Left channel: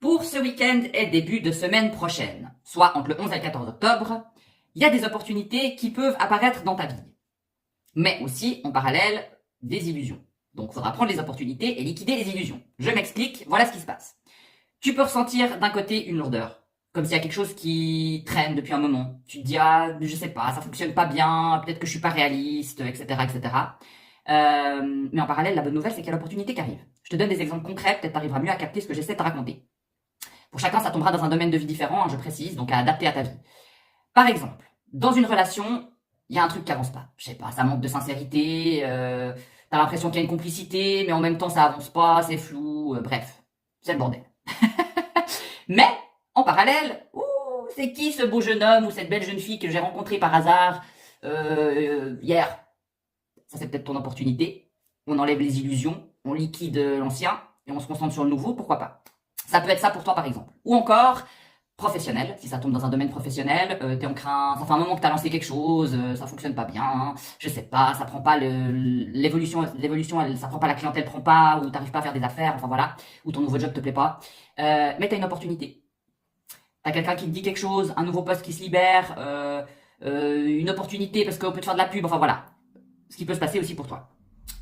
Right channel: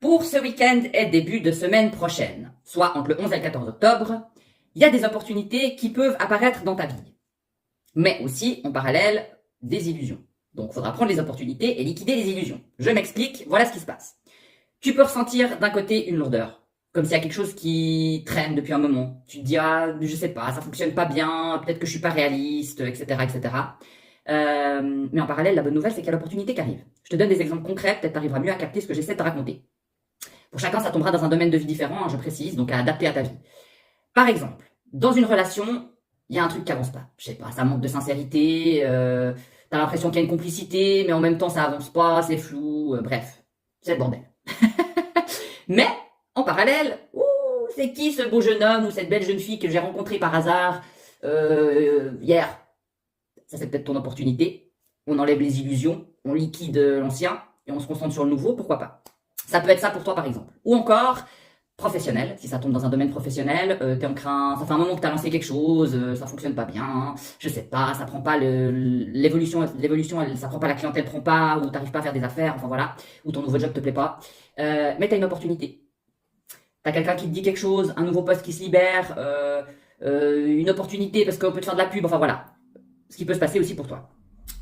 Pour ce week-end et début de semaine prochaine, soit entre le 11 et le 14 octobre, il y a des opportunités qui peuvent apparaître dans ta vie. Mais aussi, en parallèle, des illusions. Donc, il faudra prendre les opportunités et liquider les illusions. Je m'explique, voilà ce qui se passe. Tu peux ressentir d'un côté une lourdeur, comme s'il y a quelque chose qui traîne depuis un moment. Tu te dis, ah, je sais pas, ça fonctionne pas bien, peut-être que je suis pas réaliste, etc., etc. Mais en parallèle, la bonne nouvelle, c'est qu'il y a l'opportunité qui arrive. Je te donne des exemples concrets, peut-être tu arriveras mieux à capter ce que j'essaie de te raconter. Pour chacun, ça tombera dans un domaine de vie différent, hein, je précise, donc à adapter à ta vie. Par exemple, dans une relation, il y a un truc qui avance pas. Je sais pas, ça manque de sincérité, t'as l'impression qu'il y a une complicité, mais en même temps ça avance pas, c'est flou, bref, c'est le bordel. Mais, en parallèle, c'est qui ce beau jeune homme ou cette belle jeune fille que j'ai rencontré par hasard hier? Ça c'est peut-être ton opportunité. On enlève les illusions, on liquide l'ancien et on se concentre sur le nouveau, pourquoi pas? Ça peut être ça pour toi par exemple. Ou encore, professionnel, si ça tombe dans un domaine professionnel, t'es en train, ça fait un moment que t'as lancé quelque chose, ça fonctionne pas bien, je sais pas, ça prend pas l'évolution, ça prend pas, la clientèle prend pas, ou t'arrives pas à faire des affaires, enfin voilà, ou ton nouveau job te plaît pas, mais t'as une opportunité. T'as quelqu'un qui te dit quelque chose, un nouveau poste qui se libère, une opportunité parce qu'on peut te faire de la pub, enfin voilà, ce qui peut se passer aussi pour toi.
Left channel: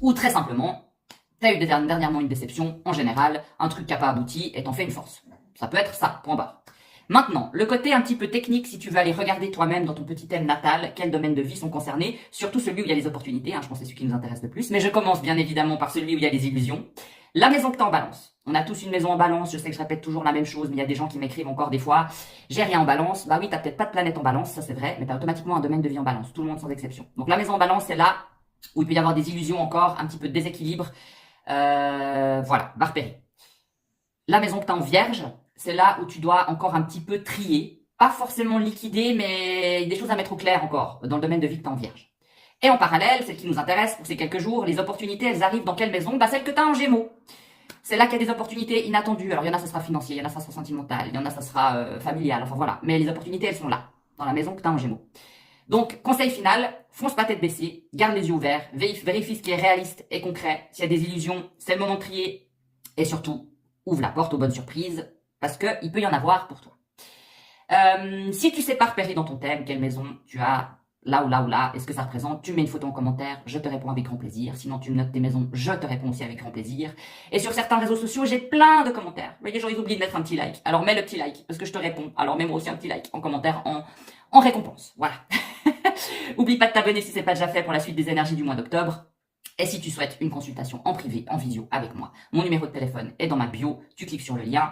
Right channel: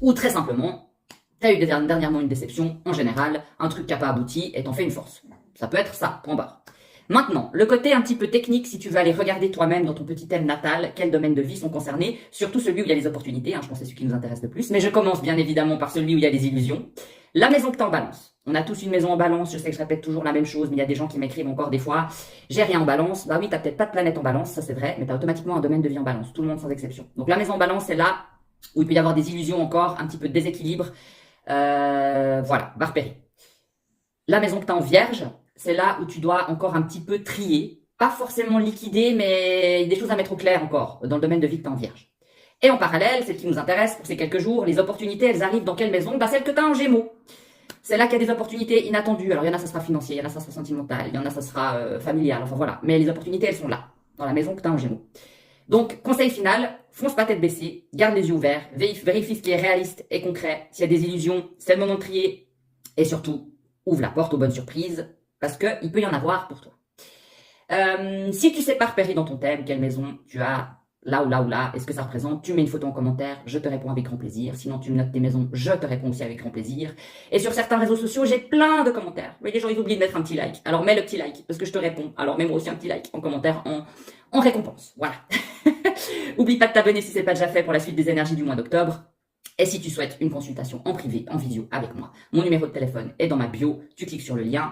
Ou très simplement, t'as eu dernièrement une déception, en général, un truc qui n'a pas abouti et t'en fais une force. Ça peut être ça, point barre. Maintenant, le côté un petit peu technique, si tu veux aller regarder toi-même dans ton petit thème natal, quels domaines de vie sont concernés, surtout celui où il y a les opportunités, hein, je pense que c'est celui qui nous intéresse le plus, mais je commence bien évidemment par celui où il y a les illusions. La maison que t'as en balance. On a tous une maison en balance, je sais que je répète toujours la même chose, mais il y a des gens qui m'écrivent encore des fois, j'ai rien en balance. Bah oui, t'as peut-être pas de planète en balance, ça c'est vrai, mais t'as automatiquement un domaine de vie en balance, tout le monde sans exception. Donc la maison en balance, c'est là où il peut y avoir des illusions encore, un petit peu de déséquilibre, voilà, va repérer. La maison que tu as en vierge, c'est là où tu dois encore un petit peu trier. Pas forcément liquider, mais des choses à mettre au clair encore dans le domaine de vie que tu as en vierge. Et en parallèle, celle qui nous intéresse pour ces quelques jours, les opportunités, elles arrivent dans quelle maison? Bah, celle que tu as en gémeaux. C'est là qu'il y a des opportunités inattendues. Alors, il y en a, ça sera financier, il y en a, ça sera sentimental, il y en a, ça sera familial, enfin voilà. Mais les opportunités, elles sont là, dans la maison que tu as en gémeaux. Donc, conseil final, fonce pas tête baissée, garde les yeux ouverts, vérifie ce qui est réaliste et concret. S'il y a des illusions, c'est le moment de trier. Et surtout, ouvre la porte aux bonnes surprises, parce qu'il peut y en avoir pour toi. Si tu sais pas repérer dans ton thème quelle maison tu as là ou là ou là, et ce que ça représente, tu mets une photo en commentaire, je te réponds avec grand plaisir. Sinon, tu me notes tes maisons, je te réponds aussi avec grand plaisir. Et sur certains réseaux sociaux, j'ai plein de commentaires. Mais les gens, ils oublient de mettre un petit like. Alors mets le petit like, parce que je te réponds. Alors mets-moi aussi un petit like en commentaire en récompense. Voilà. Oublie pas de t'abonner si c'est pas déjà fait pour la suite des énergies du mois d'octobre. Et si tu souhaites une consultation en privé, en visio avec moi, mon numéro de téléphone est dans ma bio, tu cliques sur le lien.